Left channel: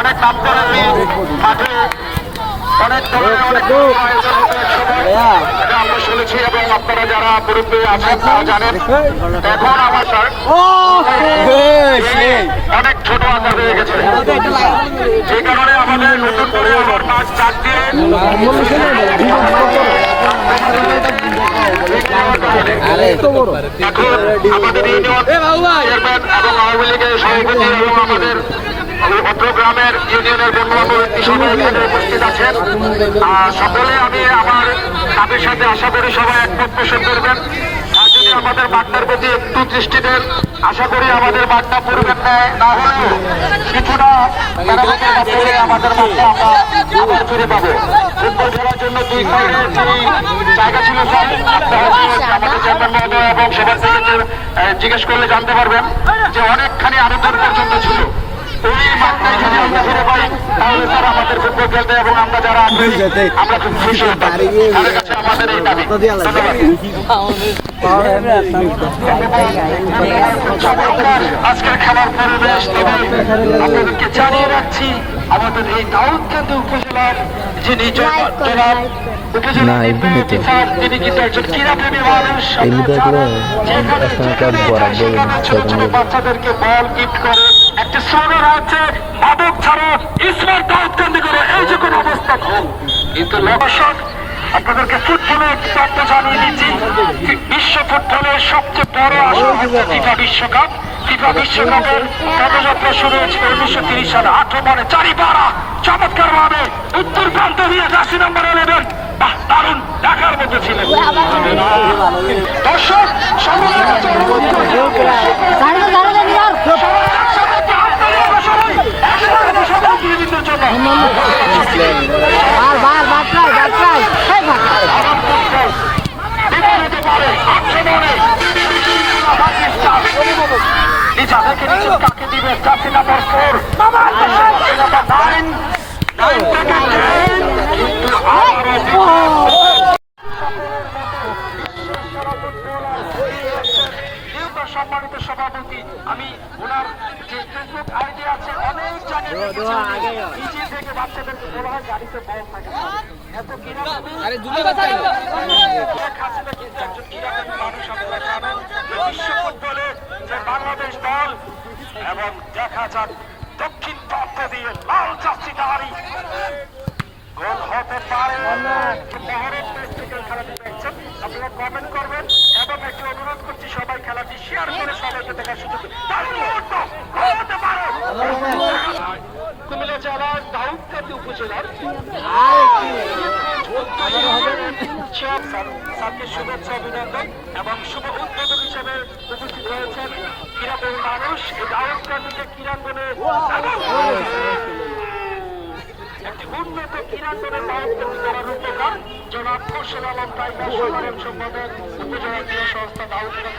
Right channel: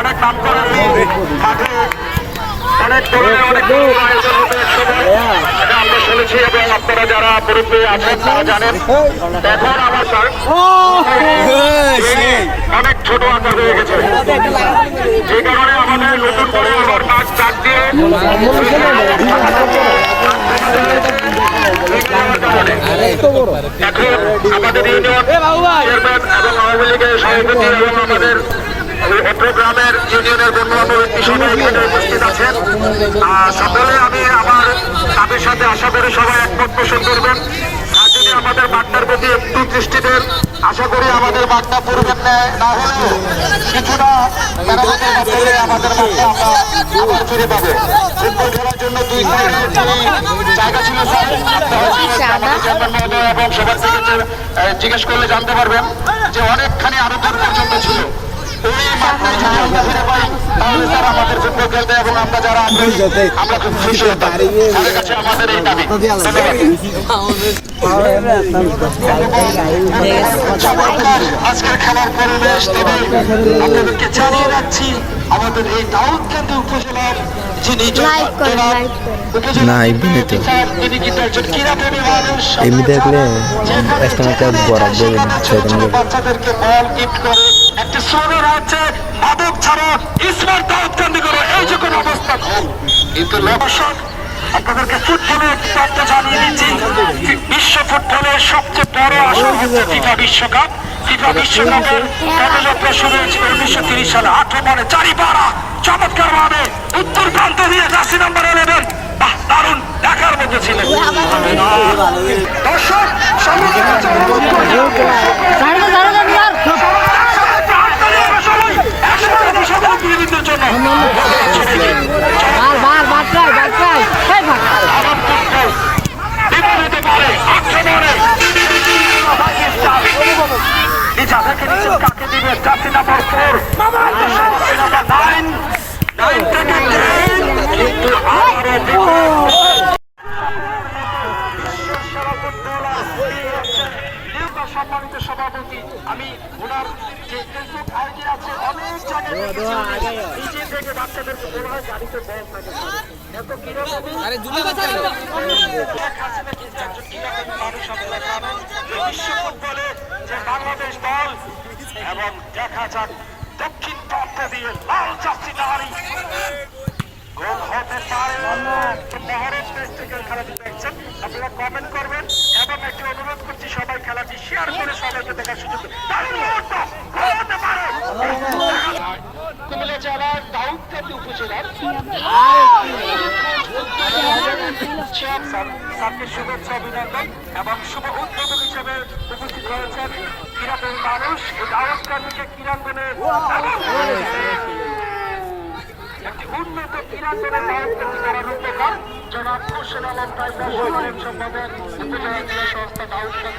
অনেক নাম করা মাঠে অনেক শুনেছি এবং আপনারা যারা মুরব্বী আছেন তারা জানেন অনেক ছোট আকার হয়ে গেছে, যে কারণে আমাদের নতুন করে আবার মাছ চার দিয়ে আমাদের এবং আওয়ামী লীগের সভাপতি এবং আমাদের গ্রামের ইউনিয়নের বন্ধুবান্ধব উপস্থিত আছেন সকলে। আমি আমার তাদের সাথে আশা করি সবাই একমত পোষণ করবেন। আর যদি আমাদের বার্তার প্রতি একটু দৃষ্টি দেন, আশা করি আমাদের বার্তা পূর্বের ন্যায় না হলেও কিছুটা মেরামতের মাধ্যমে আমাদের বার্তা আমরা আবার ফিরে পাবো। ফুটবল খেলার জন্য দুই সাইডে যে জায়গা ছিল আমাদের চেয়ারম্যান মহোদয় এবং সেখান থেকে জিজ্ঞেস করলে জানতে পারবেন যে অনেকখানি আরো দূর পর্যন্ত ছিল। ওই মাঠটাই যদি আমরা ফিরে পাই তাহলে স্যার আমাদের ফুটবল খেলতে এবং আমরা যারা আমরা খুব খুশি হতাম। তাদের কাছে আমাদের এই দাবি। আজকের খেলার পরিবেশ তবে আপনাদেরকে জানিয়ে রাখছি আমাদের এই দাউদকান্দি উপজেলার যিনি জনাব উপজেলা তিনি কিন্তু একজন ক্রীড়াপ্রেমী মানুষ। বাচ্চাদেরকে বল গিফট করে একটা সৌর রাজ্যে মাদক ছাড়া স্মার্ট দাউদকান্দি করে এই যে কোনো অবস্থা কিন্তু দর্শক আপনাদেরকে ফুটবলের তথ্য জানিয়ে দিচ্ছি। বিশ্ব ফুটবলের সবচেয়ে বড় আসর হচ্ছে ফিফা বিশ্বকাপ। ফিফা বিশ্বকাপের পদযাত্রা শুরু হয়েছিল 1930 সালে। 8 বলে চারিপাড়া চমৎকার ভাবে উত্তর প্রান্ত দিয়ে জার্সি নাম্বার 11 বাহ দারুণ দেখার মতো ছিল। দর্শক কাকে দিবে জার্সি নাম্বার 4 সম্মানিত সভাপতি। আমি ওনার যে ফেসবুক আইডি আছে অনেক নিজে থেকে বাচ্চাদেরকে বলা হয় গাড়িতে বল থাকে এত বিশ্ব ফুটবলে যে বাংলাদেশ দল এবং দেখা যাক দক্ষিণ প্রান্ত দিয়ে লাল জার্সিধারী গোল হতে পারে। শহরের দেশ থেকে খেলাটি দেখছেন, আপনারা কমেন্ট করবেন এবং একটু অনুরোধ করছি সবাই খেলাটি শেয়ার করে সবাইকে দেখার সুযোগ কুমিল্লা জেলার দাউদকান্দি উপজেলার শুভেচ্ছা অভিনন্দন এবং শুভ উদ্বোধন হিসেবে উপস্থিত হয়েছেন ক্রীড়াপ্রেমী মানুষ। দাউদকান্দিকে ক্রীড়াপ্রেমে একটি উন্নত ক্রীড়াপ্রেমের দাউদকান্দি করানোর জন্য জনাব কৌশল আলম টাইগার সাধারণ সম্পাদক উপজেলা ক্রীড়া সংস্থা দাউদকান্দি